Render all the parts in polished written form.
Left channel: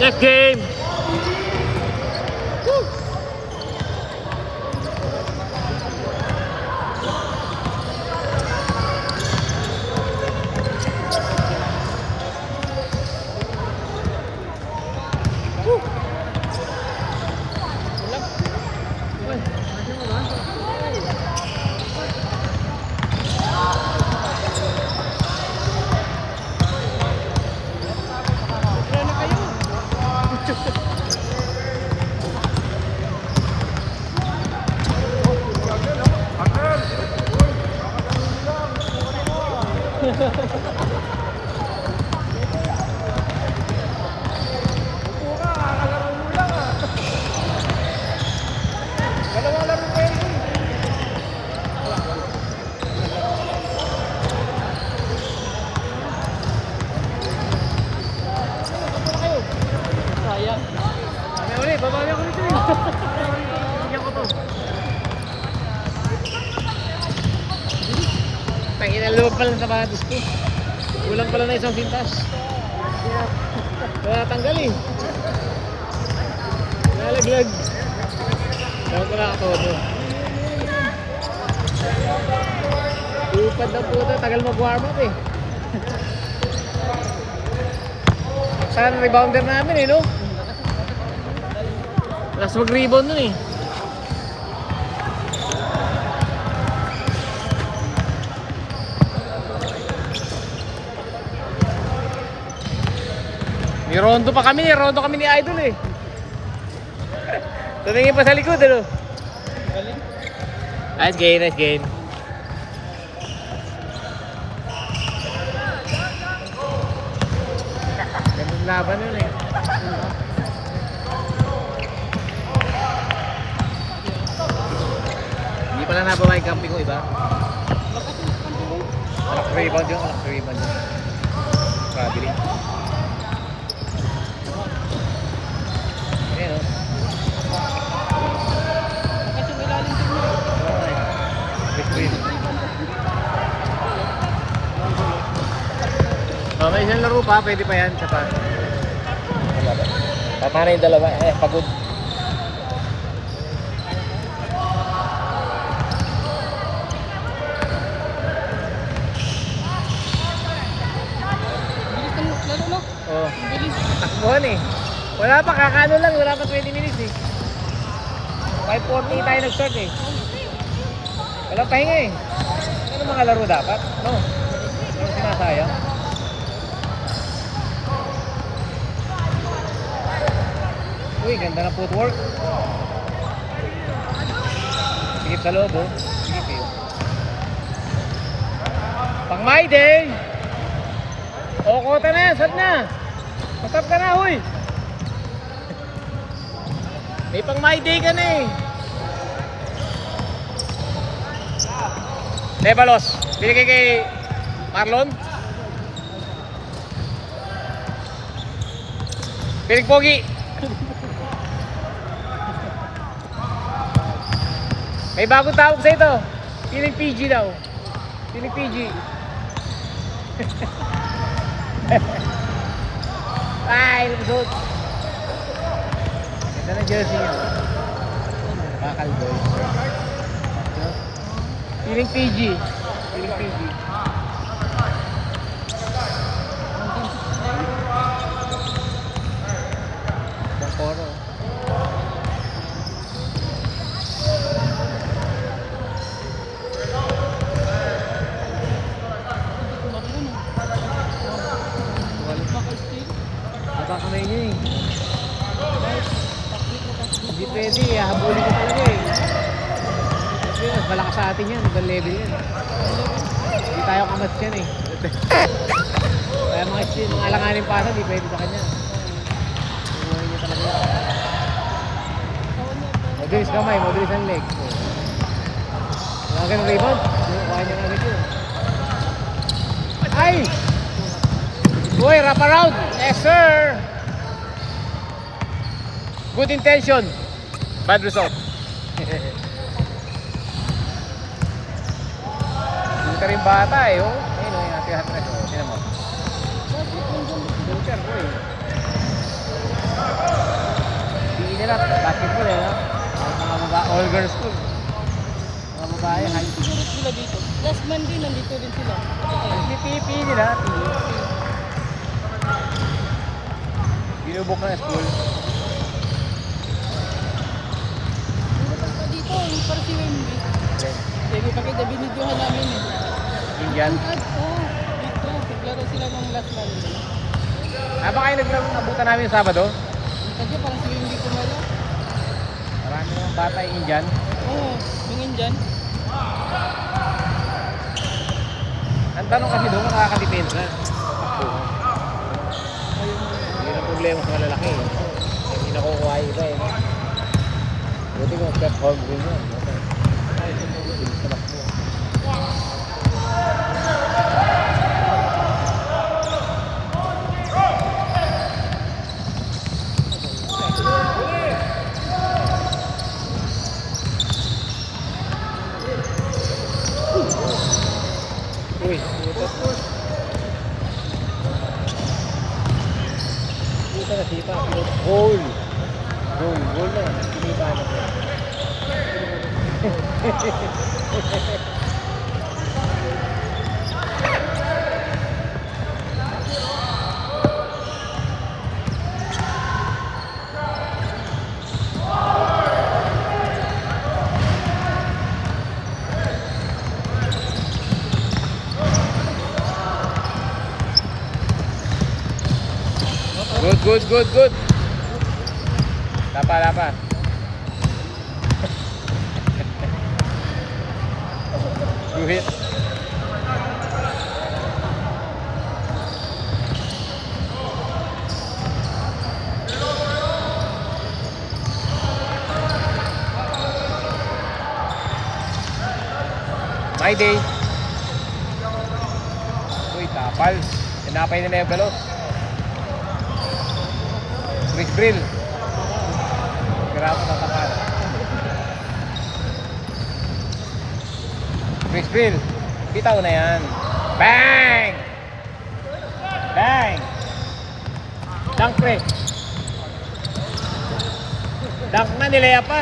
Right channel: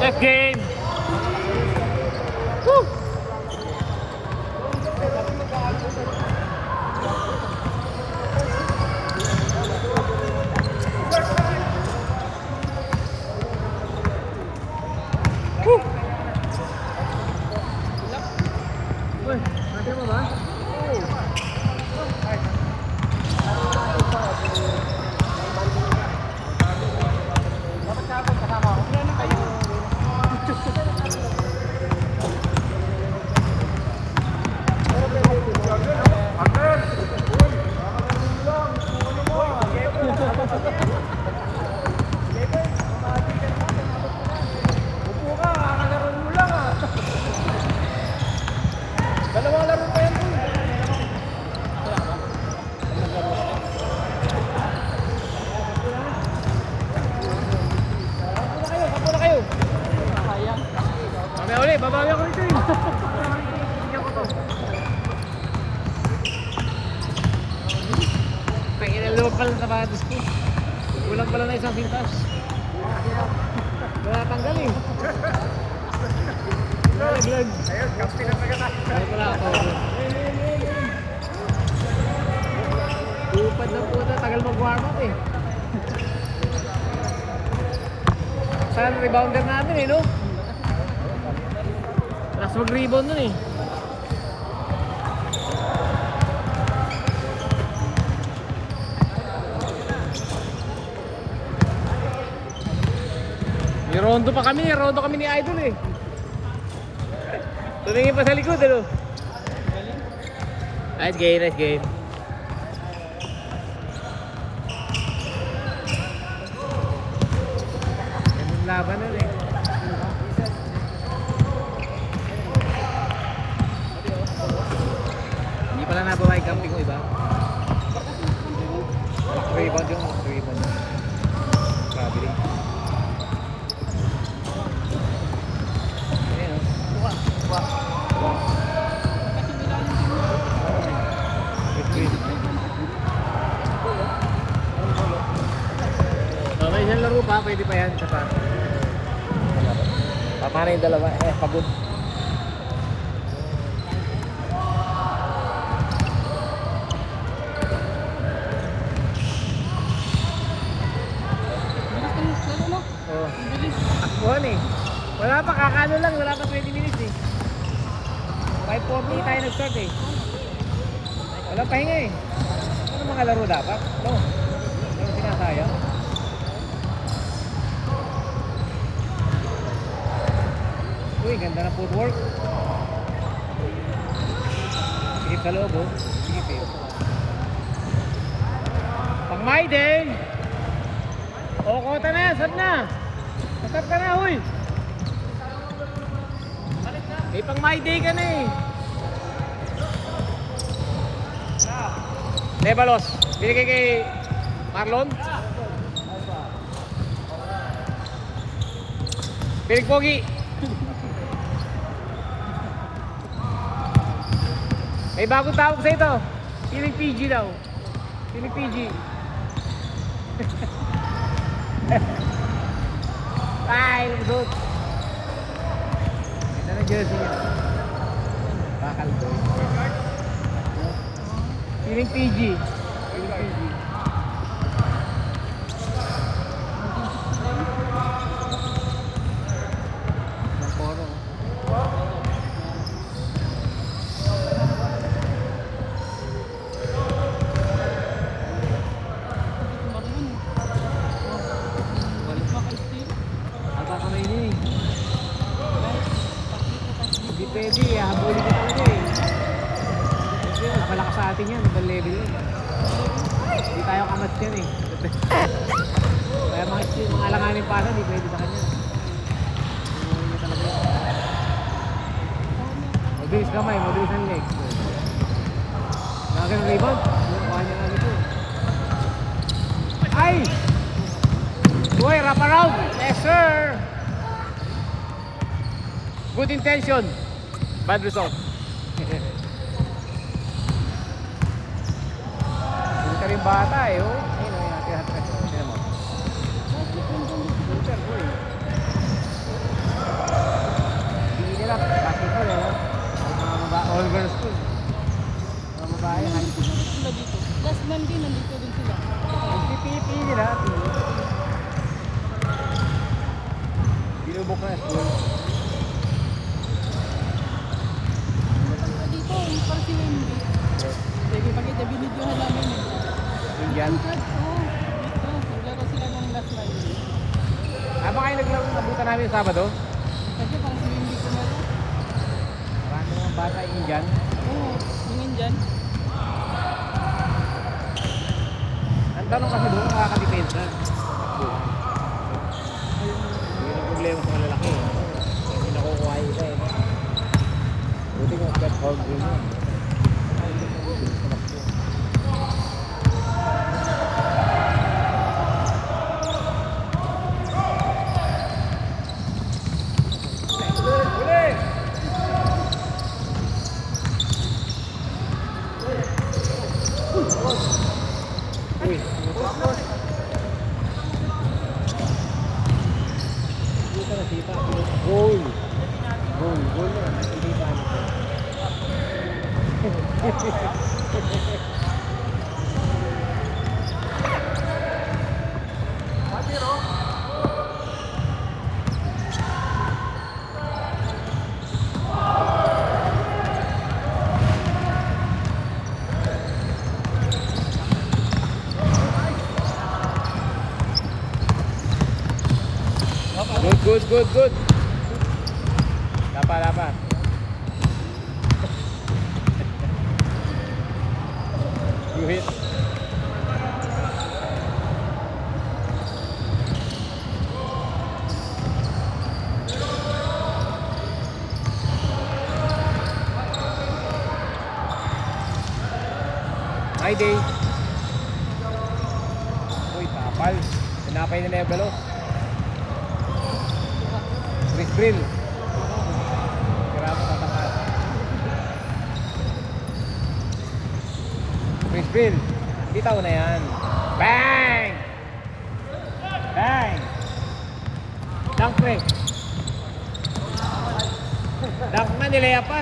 Left game. Woo. Babawi ako nito eh. Bigyan ko to. Pangin na lumag pala sa sapatos ko. Kulang pala na isang pintas. Kaya tanggal eh. Nalaglag. Kaya ko na ako. Upad na puta. Tagal mag-warm up eh. Saan rebounder namin eh no? Last mag-rebound nun eh. May rondo pa kami, rondo kami ni Idol eh. Tumingin pa sa likod ano. Nice game, nice game. Gandang laban nun eh. Wala na ba may camping ko iba? Malak rebound yung malak rebound yun. Grabe rin. Ayan o. May isang laro pa, pwede pa yan. Tama na yung dalawa, pagod. Buhan eh. Wala pa, kakano lang. Wala pa 20 minutes eh. 5:40 tayo nag-start eh. Wala pahinga eh. Ano mga laro dapat? No. Yung sinasayang. Uy, ganda na footwork. Sigip sa loob oh. Sigip eh. Pang my day! O, kota na, sat na! Matap ka na, huy! May pang my day ka na eh! Nebalos, binigay kay Marlon. Piling Pogi. May bagong tawag sa ito. Piling PG daw. Piling PG. Ay, lumusot. Ito na jersey niya. Bakal boy. Piling PG. Piling PG. Bangkoro. Hindi pwede, habulin ko talaga eh. Kasi malakas sa atin yan, ibang level yan. Hindi tayo kamat yan eh. Kaya mga alanganin pa hindi pwede sa kanya. Iwan niya talaga. Mabilis kamay, mabilis ang leg. Mga ganun rebound, kaya niya namin yun. Ay! Boy, wrap around! Yes sir! Good intention, bad result. Buta rin bata eh, oh. Ayun o, yung hati-hati. Sino mo? Lubog na school. Dito, yung para si Wemby. Sige, pakita, binidyohan namin eh. Indian. Dito, naglaro sila ng last laro. Ah, baka yung naglabutan namin yung Sabado? Kaya parang si Wemby ko na lang. Marami mga bata yung Indian. Oo, hingin dyan. Ang tanong kasi doon, makakadepensa. Yun ang problema sa malalaki. Hindi nakukuha yung iba eh. Buti kung step hold din mo. Uy, push. Ito na sipa, pero goal. Goal na. Hindi pa ano. Good. Lapa. Guhit. My day. Uy, tapal. Tinapay na Nevelos. Chris Brill. Grab sa mga. Chris Brill. Bitaw na yan. Bang! Dunk pre. Dunk na, nilaya pa.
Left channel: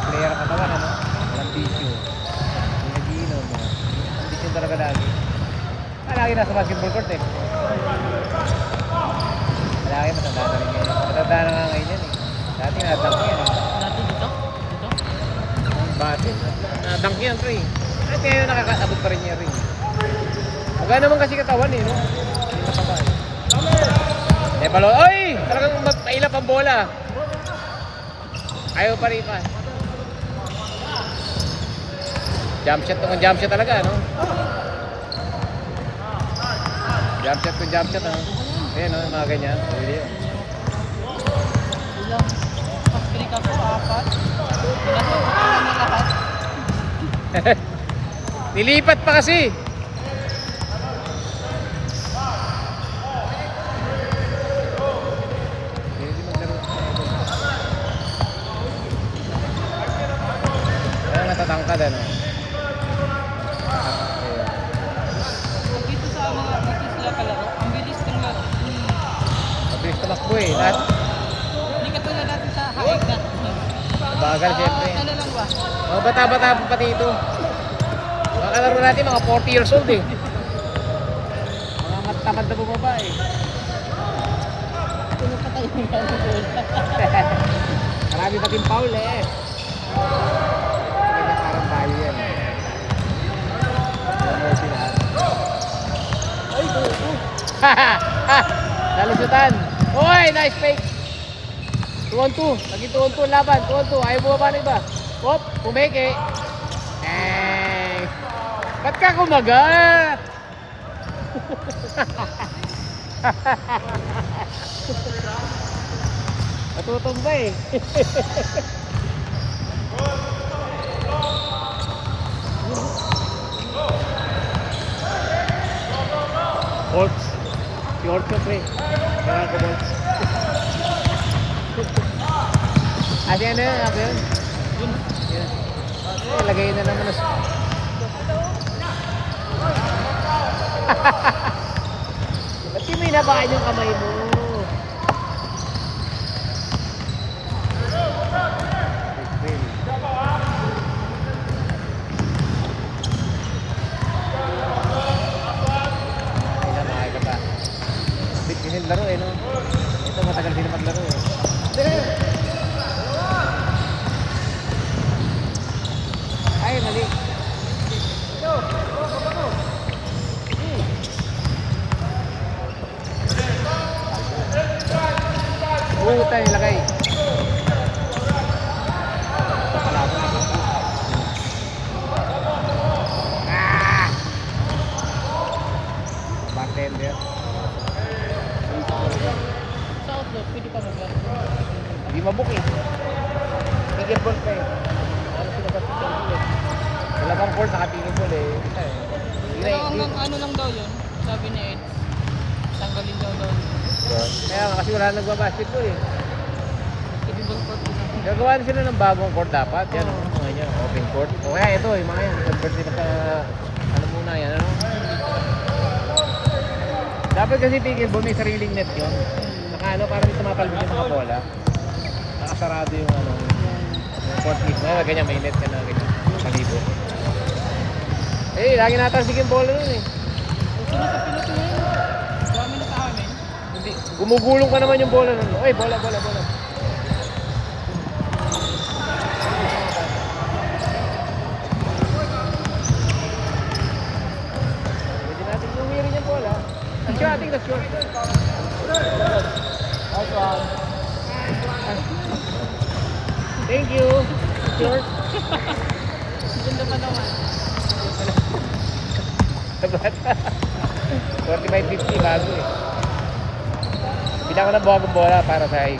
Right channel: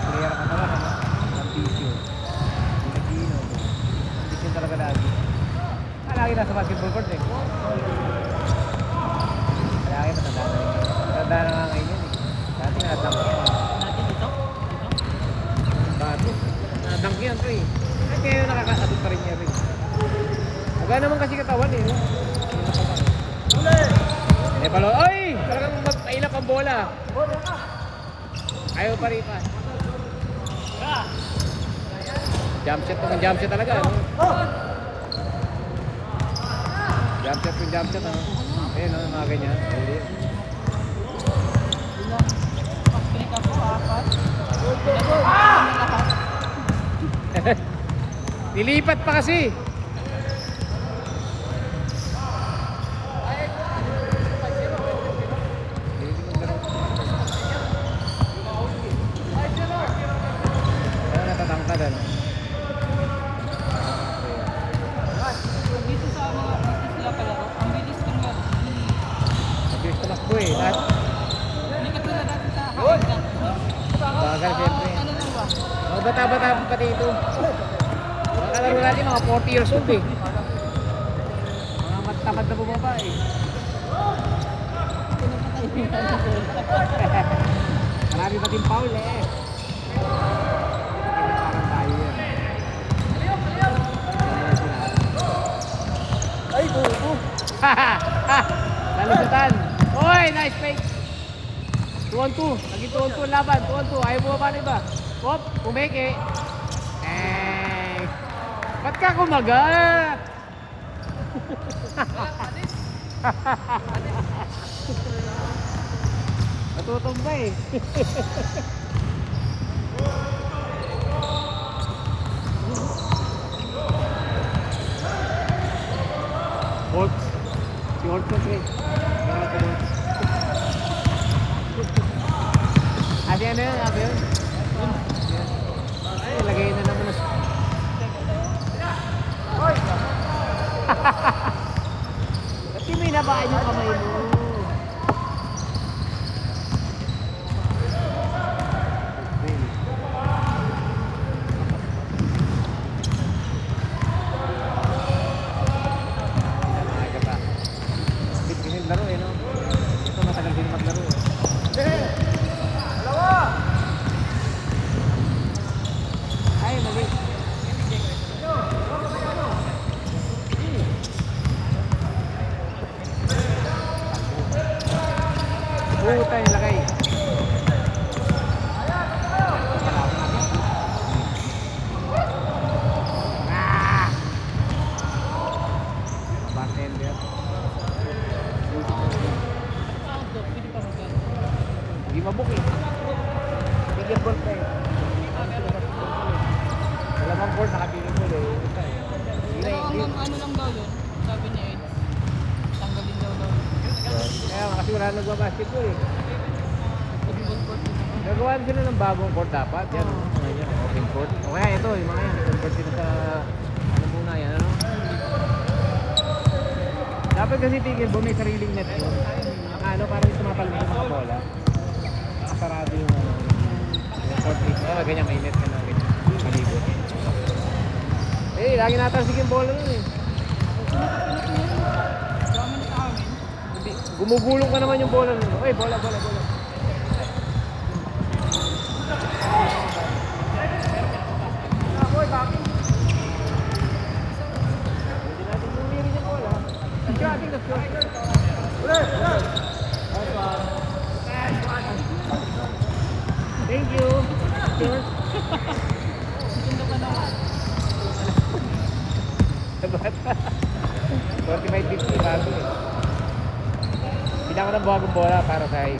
Player ka tawa, ano? Walang tissue. Nagino. Tissue talaga lagi. Lagi nasa basketball court eh. Lagi matanda na rin ngayon. Matanda na nga ngayon yan eh. Dati natang yan eh. Bakit? Natang yan pre. At ngayon nakakasabot pa rin niya rin. Magkano naman kasi katawan eh, no? Eh palo, oy! Talagang mailap ang bola. Ayaw pa rin pa. Jump shot talaga, no? Jump shot, no? Ayan, no? Mga ganyan. Video. Nilipat pa kasi. Ayan, natatangka din. Dito sa mga dito sila kalaro. Ang bilis ng laro. Mabilis tumakbo eh. Lahat Hindi ka tulad natin sa kaingat. bagal siyempre. Ano lang ba? Mga bata-bata pa pati ito. Alam na natin mga 40 years old eh. Mga matamad na bumaba eh. Ano pa tayo yung Marami pa din foul eh. Ganyan parang tayo yan. Ay, go. Nalusutan. Uy, nice fake. 2-on-2. Naging 2-on-2 laban. 2-on-2. Ayaw bumaba na iba. Hop, kumeke. Ba't ka kumagat? Natutog ba eh? Orts. Si Orts na pre. Kailangan ko Orts. Adi ano yun? Adi yun? Ay, lagay na naman na. Ba't di mo inabakan yung kamay mo? pabuk eh. Pickleball pa eh. Ano sila sa pickleball eh. Dalawang court naka-pickleball eh. Ito eh. Hindi na Pero hindi. hanggang ano lang daw yun, sabi ni Ed. Tanggalin daw daw. Kaya kasi wala nagbabasketball eh. Pickleball court na. Gagawa din sila ng bagong court dapat. Yan o. Mga yan. Open court. O kaya ito yung mga yan. Convert sila sa ano muna yan. Ano? Dapat kasi pickleball may sariling net yun. Saka ano parang may tumapalmi yung mga bola. Nakasarado yung ano. Yung court mismo. Ganyan may net ka na ganyan. Malibo. Eh, lagi natasig yung bola nun eh. Pinas na yun. Dami na sa amin. Hindi. Gumugulong pa naman yung bola nun. Oy, bola. Pwede natin umirin yung bola. Nag-shot. Thank you. Short. Ganda pa naman. 45-50 bago eh. Bilang ko ng bagong bola para sa high.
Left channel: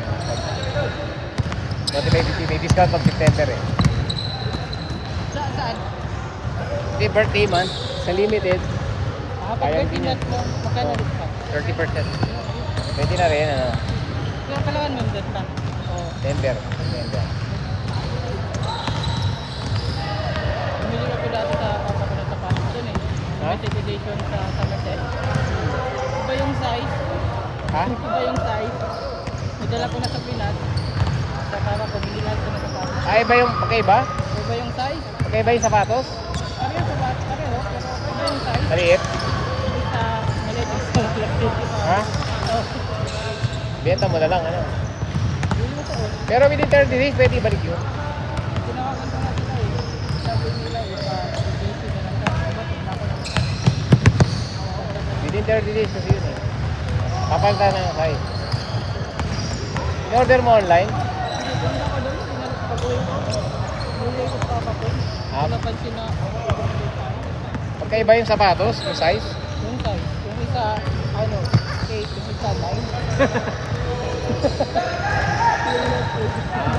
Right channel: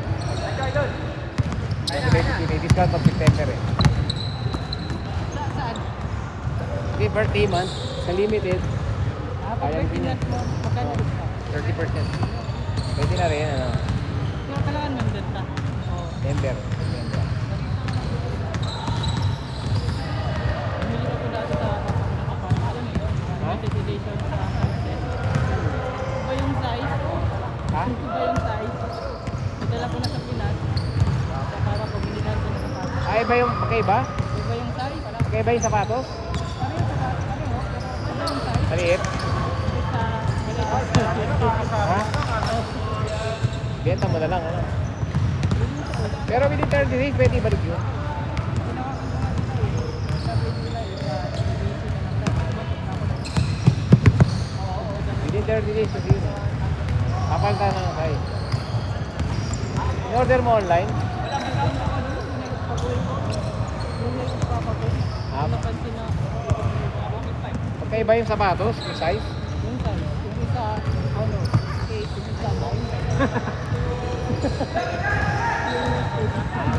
45-50 may discount pag September eh. Saan? Hindi, birthday month. Sa limited, Kapag pinat mo, magkano discount? 30%. Pwede na rin ano. Kaya kailangan mandate pa. Member. Bumili ko dati sa papakulat sa Paris yun eh. Limited edition sa Merced. Iba yung size. Ha? Iba yung size. Idala ko na sa Pinas. Saka ko binilhan ko na sa Paris. Ay, ba yung magkaiba? Iba yung size. Magkaiba yung sapatos? Parehas sa Paris. Parehas. Iba yung size. Maliit? Sa maliit sa Ha? Benta mo na lang ano. Pero within 30 days, pwede ibalik yun. Within 30 days kasi yun eh. Kapalta na ang size. In-order mo online? Ah, Napansin na magkaiba yung sapatos, yung size? yung size. Yung isa, ano, 8, yung isa 9.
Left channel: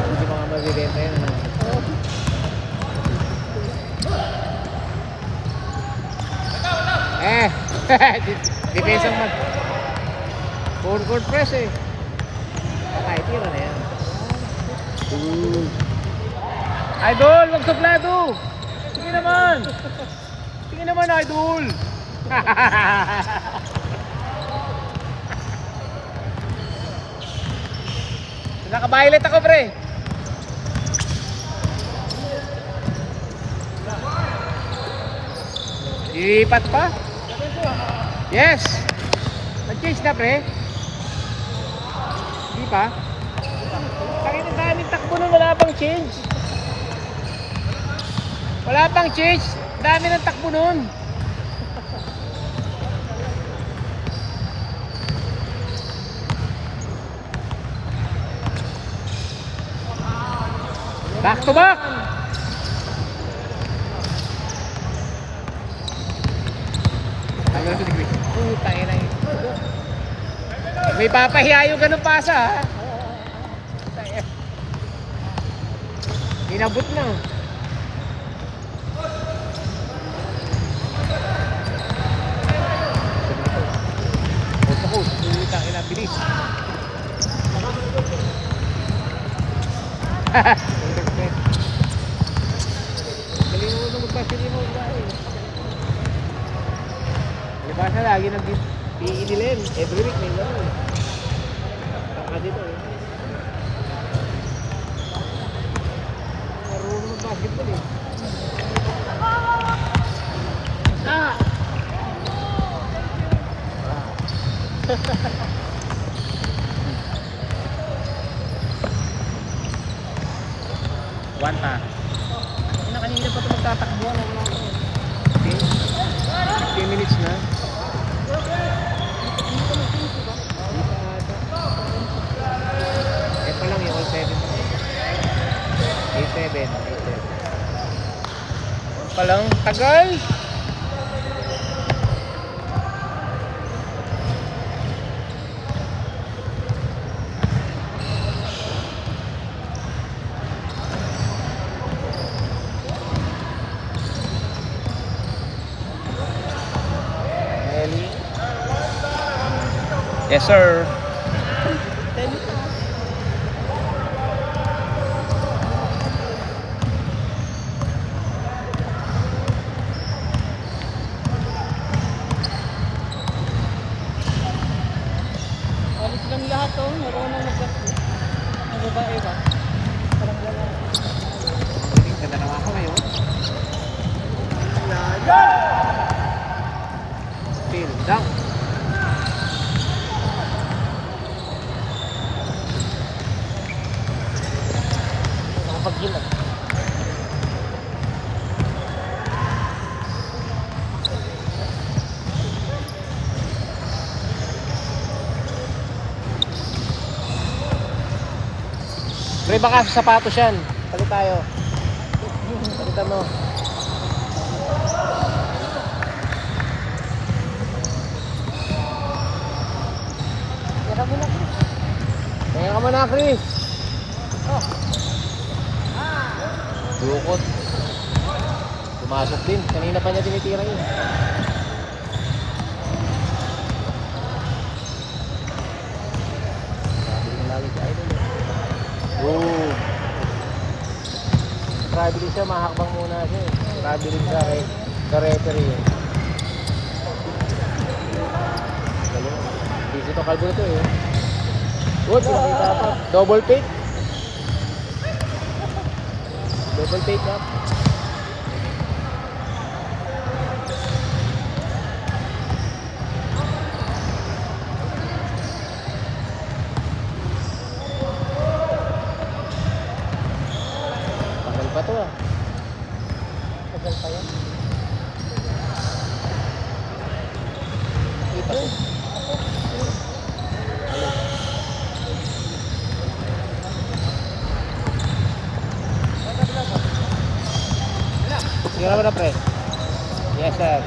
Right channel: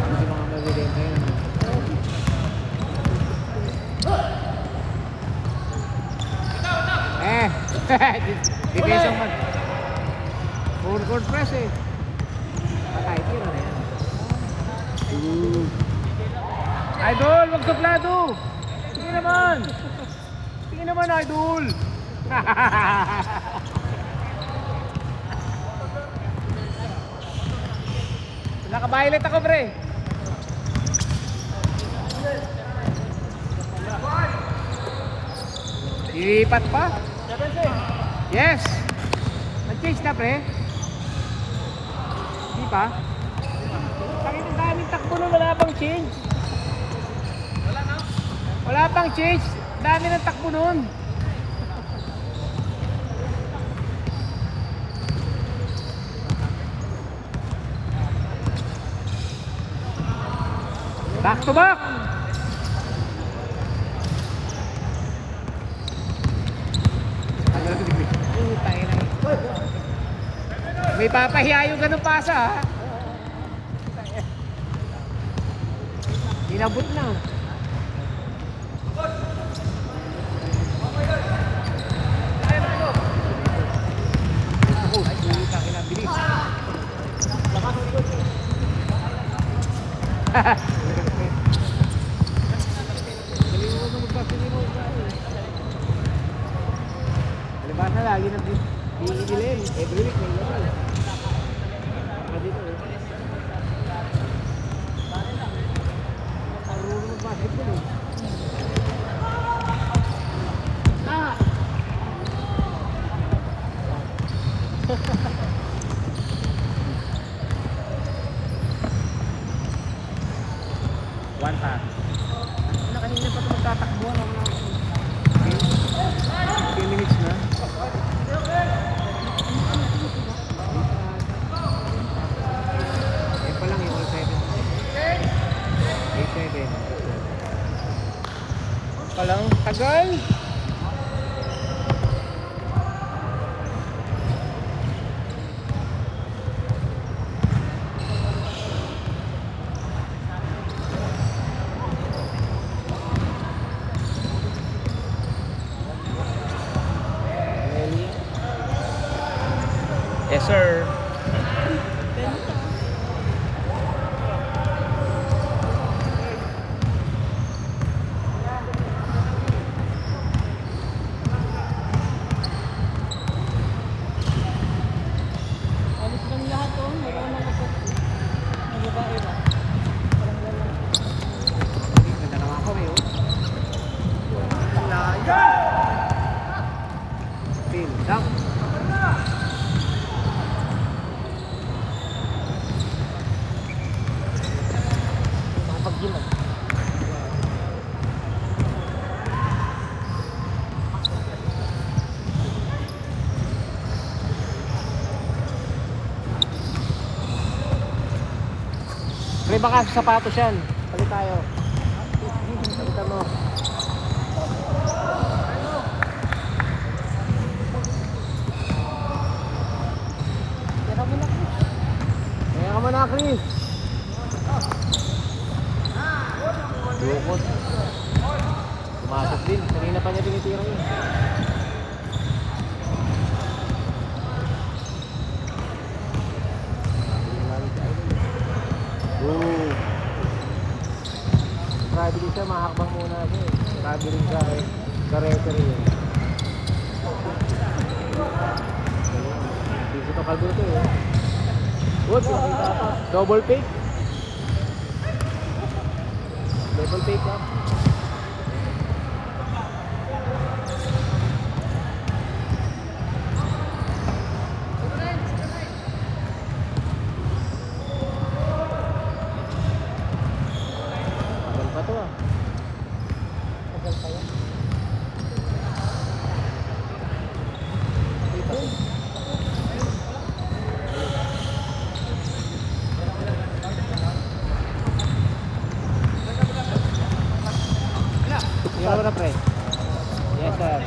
Hindi mga mabibenta yun. No? Depensa mo. Forward press eh. Kahit yun na yan. Idol, wag suplado! Sige naman! Sige naman, idol! Naka-violet ako, pre. Ilipat pa? Yes! Nag-change na, pre. Hindi pa? Kahit ang daming takbo nun, wala pang change. Wala pang change. Dami ng takbo nun. Back to back. May papahiya yung ganun pasa ha. Inabot na. Bilis. Diba na lagi nag-PE-11 every week may lang. Pwede to. Marunong mag-basketball eh. Ah! One time. Kanina pa ito magtatakbo. 15 minutes na. Yes, sir. Alis lang lahat oh. Meron mga babae ba? Parang gano'n. Ganda naman ako ngayon. Pin down. Pre, baka sa sapatos yan. Palit tayo. Kita mo. Kaya mo na. Kaya ka muna, Chris. Oh. Bukod. Pumasok din. Kanina pa niya tinitira yun. Oh. Grabe din siya, mahakbang muna siya. Grabe din siya sa referee. Hindi siya takalbo ito eh. Good, pinakita pa. Double take. Double take ha. Tagal pa to ah. Tagal pa yan. Kita ko. Sira ba na pre? Yes sir.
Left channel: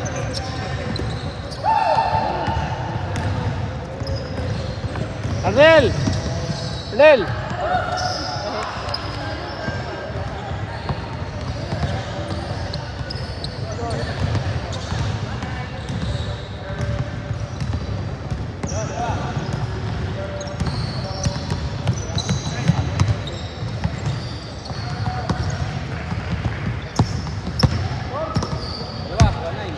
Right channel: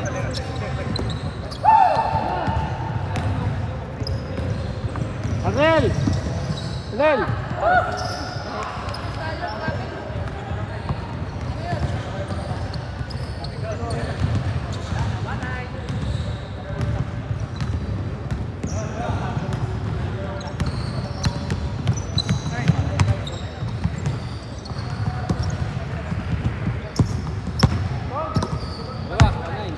Arnel! Arnel! Dalawa, 9.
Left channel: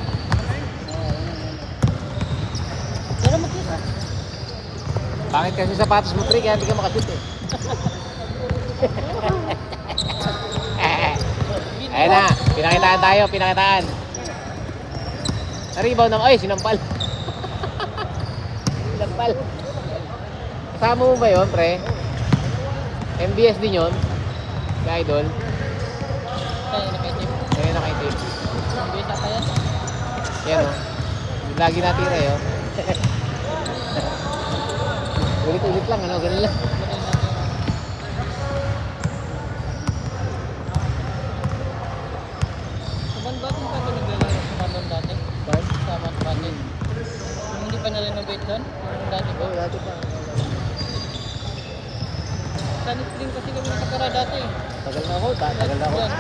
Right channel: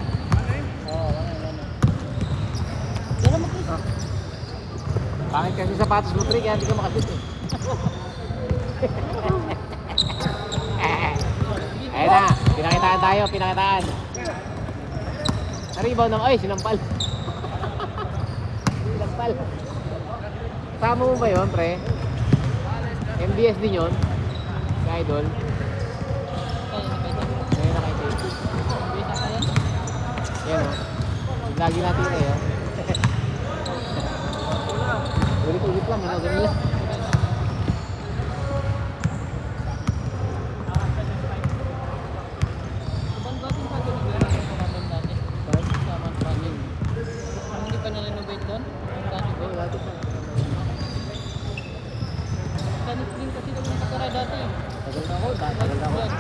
Bakit kasi sapatos mo pre, kaya hindi ka makabit eh. Ayan na, pinakitaan tayo, pinakitaan. Naribaw ng, ay, sinampal. Sinampal. Kasama mo ba yun, pre? MBS din yun? Ka idol? Kaya nakitip. Kaya nakaitim. Bisa kaya. Yan. Lagi natin eh, oh. Ulit-ulit lang, ano, ganun lang. Sabang batin pa ito naglalaro sa sabang dati. Sabang batin. Hindi pa na-renovate doon? Dati ba? Dati pa. Tanis din kasi kami nakatara dati. Tagal na ako, tagal na ako. Yan.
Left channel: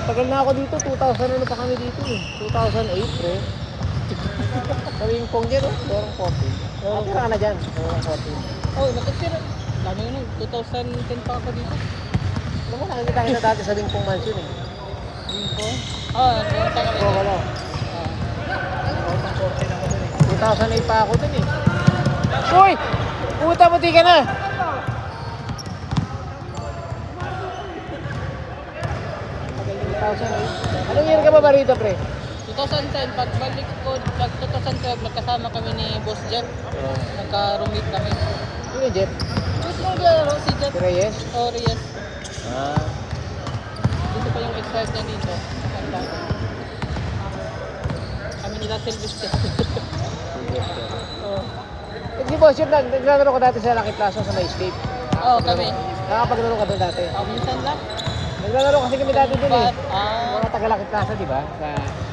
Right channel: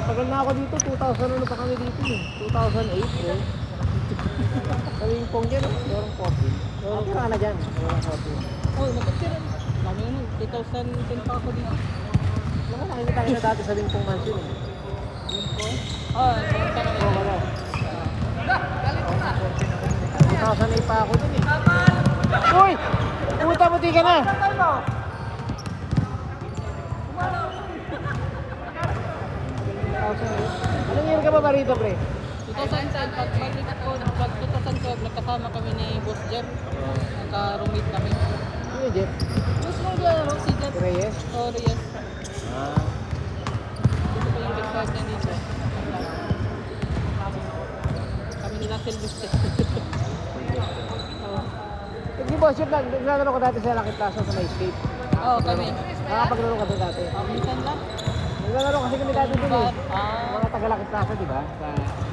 Tagal na ako dito, 2000 ano pa kami dito eh. 2008, pre. Kaming pong dyan, oh. Dorang coffee. Natira ka na dyan. Dorang coffee. Oh, nakatira. Lagi naman, 2010 pa ako dito. Ano na, hindi tayo na dati sa Lingpong Mansion eh. Yung po. Oh, tayo tayo. Oo, wala. 2008 pa ako dun eh. Uy! Puta, buti ka na! Anong year ka ba ba rito, pre? 2010, pag 2012, nagkasama kami ni Boss Jeff. Nagka-roommate kami. Ano yung Jeff? Boss mong laro, si Jeff. Si Reyes? Oh, Reyes. Ah. Dito pa yung expired niya dito. Kami nila Silvestre. Oh. Hindi boss, yun lang. Naglalaro ka dati sa Lucky Plaza sa Nice Tape. Oh, kami. Nakapaglaro ka doon dati. Oh, minsan lang. Naglalaro kasi kami dati dun eh. Ah, Mga taga Lucky Plaza, di ba? Sa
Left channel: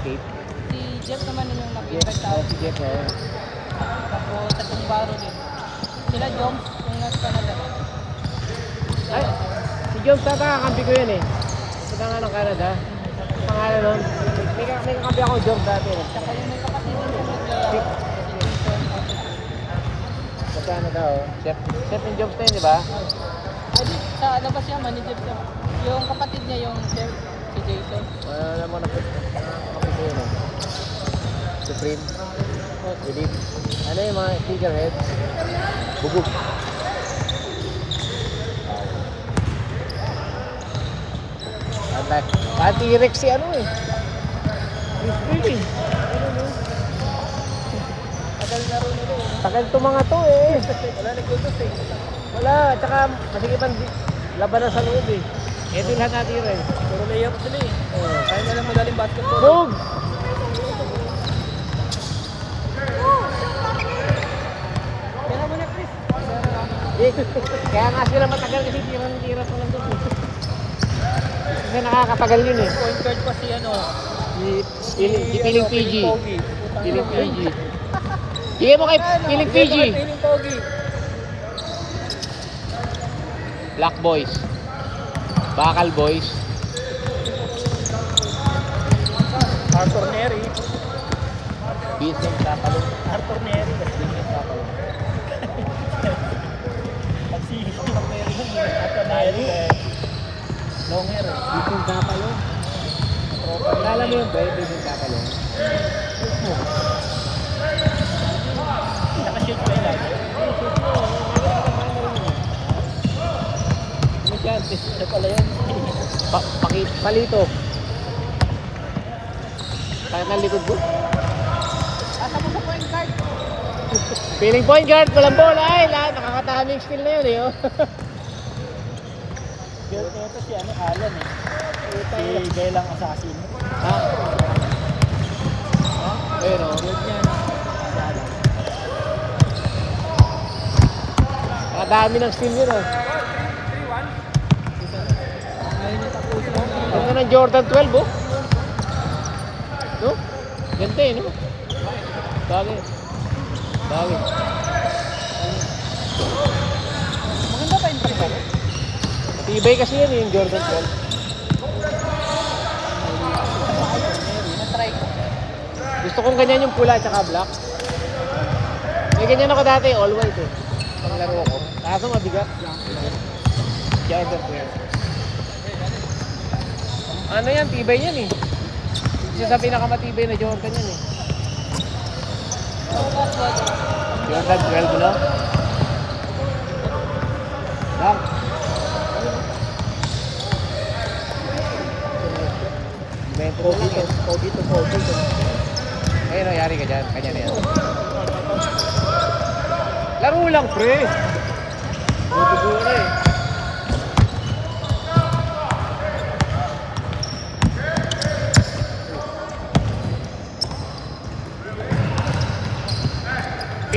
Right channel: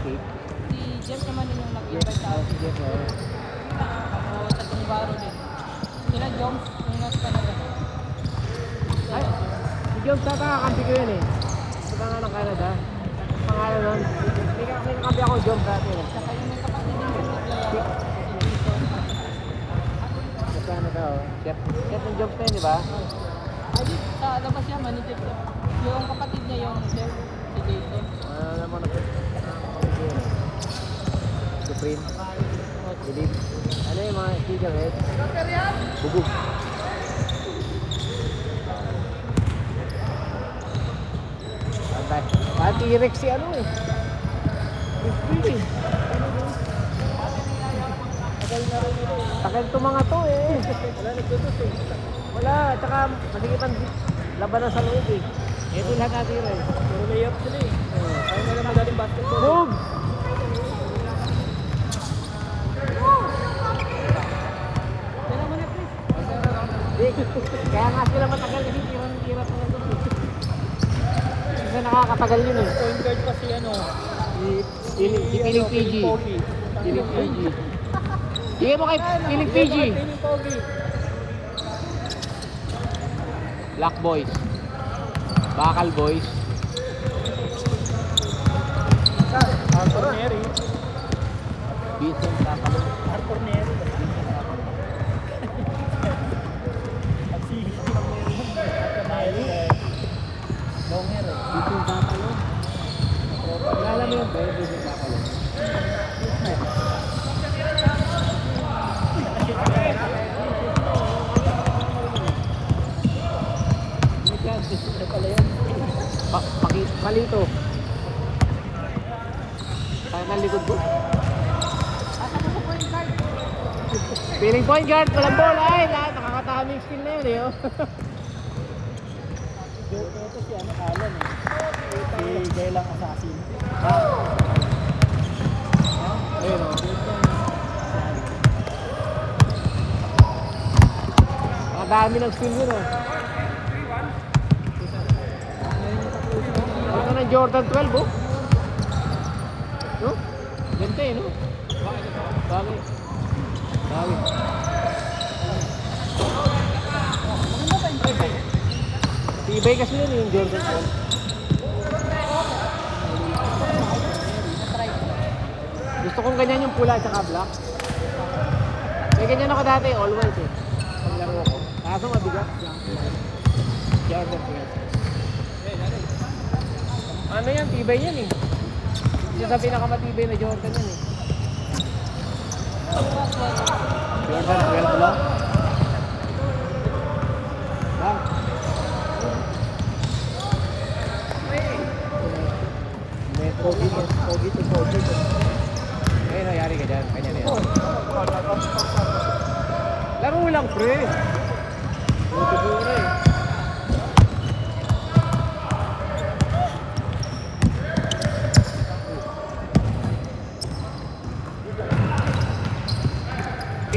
Tape. si Jeff naman yung Yes, nakita sa si Jeff na yun. Tapos tatlong baro din. Sila Jones, yung nasa Canada. Ay, si Jones na ba? Kampi ko yun eh. Sa nga ng Canada. Pangalan nun. May kakampi ako Jones dati eh. Saka yung may kapatid din yung Si- films na yun, di ba? Sa labas yan, manager ko. Yung kapatid niya yung chef, si Jason. Wala naman ako. Supreme. Philip. Ano yung mga figurehead? Bugog. T-Rex si ano eh. Really? Tagal to mga to eh. Wala nagkutos eh. Wala, tsaka masigitan labanan sa loob eh. Ito lahat natin rin. Puro layup sila eh. Kaya mo lang magaling basketball. Move! Kaya mo na, Chris. Kaya nga sila matagal kasi tira pa lang doon. Kasi nakakatagal yun eh. Point guard pa si ano. Si Piling PG. Piling PG. Bigay mo kay Piling PG. Piling Pogi. Black Boys. Bakal Boys. Arthur Neri. Vincent Tapalo. Arthur Neri. Si Neri. Long hair. Vincent Tapalo. Kilala mo yung boy, Vincent Tapalo. Nakashoot pa yan. Ano pala yan? Palito. Sakit ng likod ko. Asa mo sa point guard? Piling point guard, walang bola eh. Nakakataming skill na yun eh. Oh. Ito si ano, Alan eh. Si Belang Assassin. Ayun o. Nakadami ng skill yun oh. Ito ng Jordan 12 oh. No? Ganda eh no? Bagay. Bagay. Ano ba yung point guard? Tibay kasi yan eh, yung Jordan 12. Na-try ko. Gusto kong ganyan yung pula at saka black. May ganyan ako dati, all white eh. Panglaro ko. Kaso mabigat. Jordan 12. Ano yan, tibay yan eh. Isa sa pinakamatibay na Jordan yan eh. Jordan 12 lang. Lang. Metro Biggest. Pogi to Pogi. Kaya nangyari ka dyan. Kanya na yan. Laro lang pre. Tutubo na eh.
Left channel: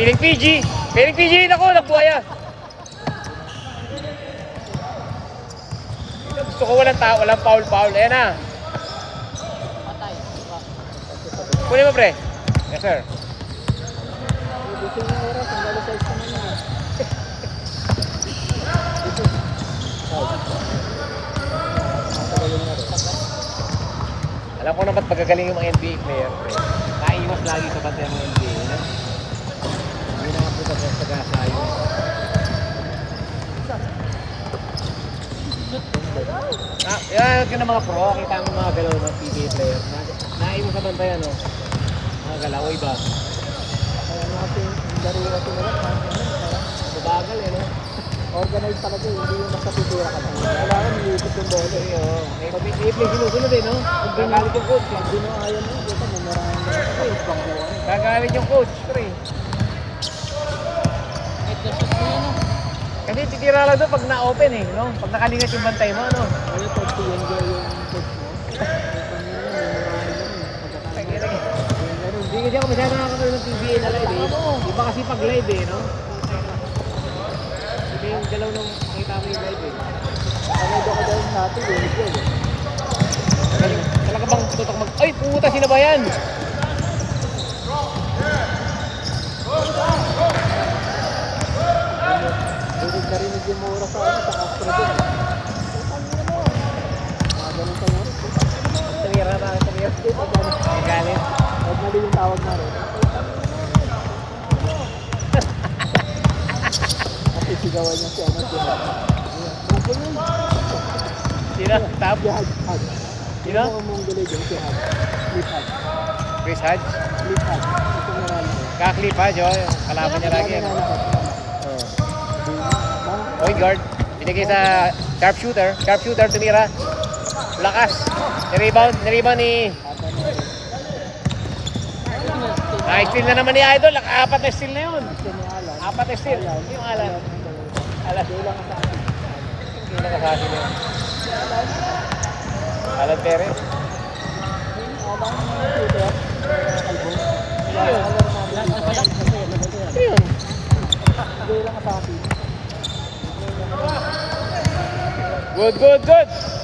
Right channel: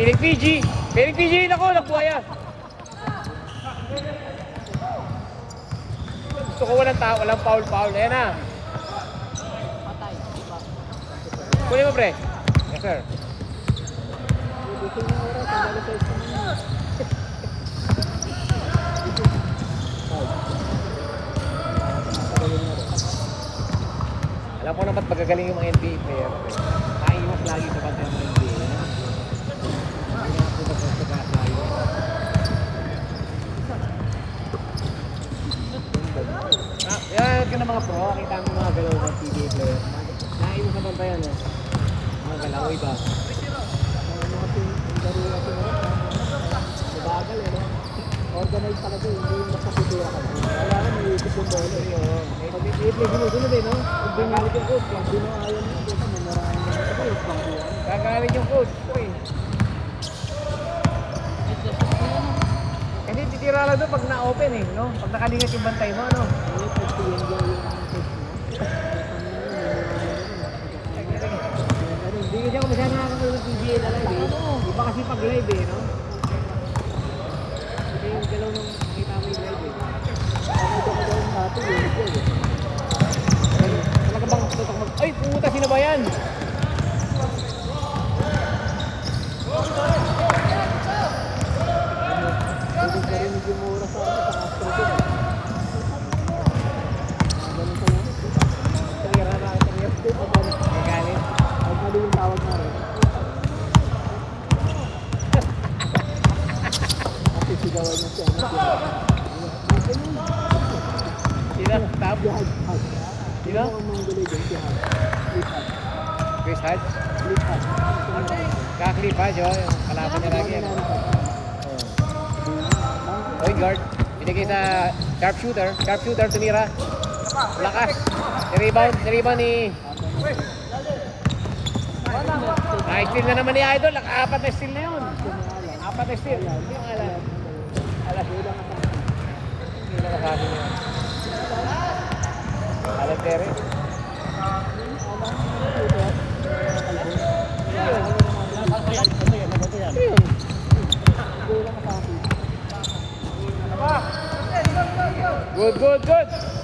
Piling PG! Piling PG! Naku! Nabuhaya! Gusto ko walang tao, walang foul. Ayan na! Kunin mo pre. Yes sir. Alam ko na ba't magagaling yung mga NBA player. Naiiwas lagi sa bantay ng NBA. Yan ka na mga pro, kita mo mga galaw ng PBA players. Naiiwas sa bantay ano. Mga galaw, iba. Mabagal eh no? Organize talaga, hindi yung masapitira ka. Wala na, nilitis yung ball. Pag-i-play ginusunod eh no? Gagalit yung coach. Hindi na ayaw mo. Gagalit yung coach. Pre. Kasi titira lang doon pag na-open eh, no? Pag nakalingat yung bantay mo, ano? Hindi kasi ako masyadong nakakapag ng PBA na live eh. Iba kasi pag live eh, no? Iba yung galaw nung nakita mo yung live eh. Talaga bang tutok mag... Ay! Puta sila ba yan? Hodge. Kaklip Hodge, oh. Kalaban niya lagi. Ano? Point guard. Binigay sa sharpshooter. Sharpshooter tumira. Lakas. Nirebound ni... steal na naman ni Idol. Apat na steal na yun. Apat na steal. Yung Alan. Alan. Hindi na kabali niya. Alan Perez. Good.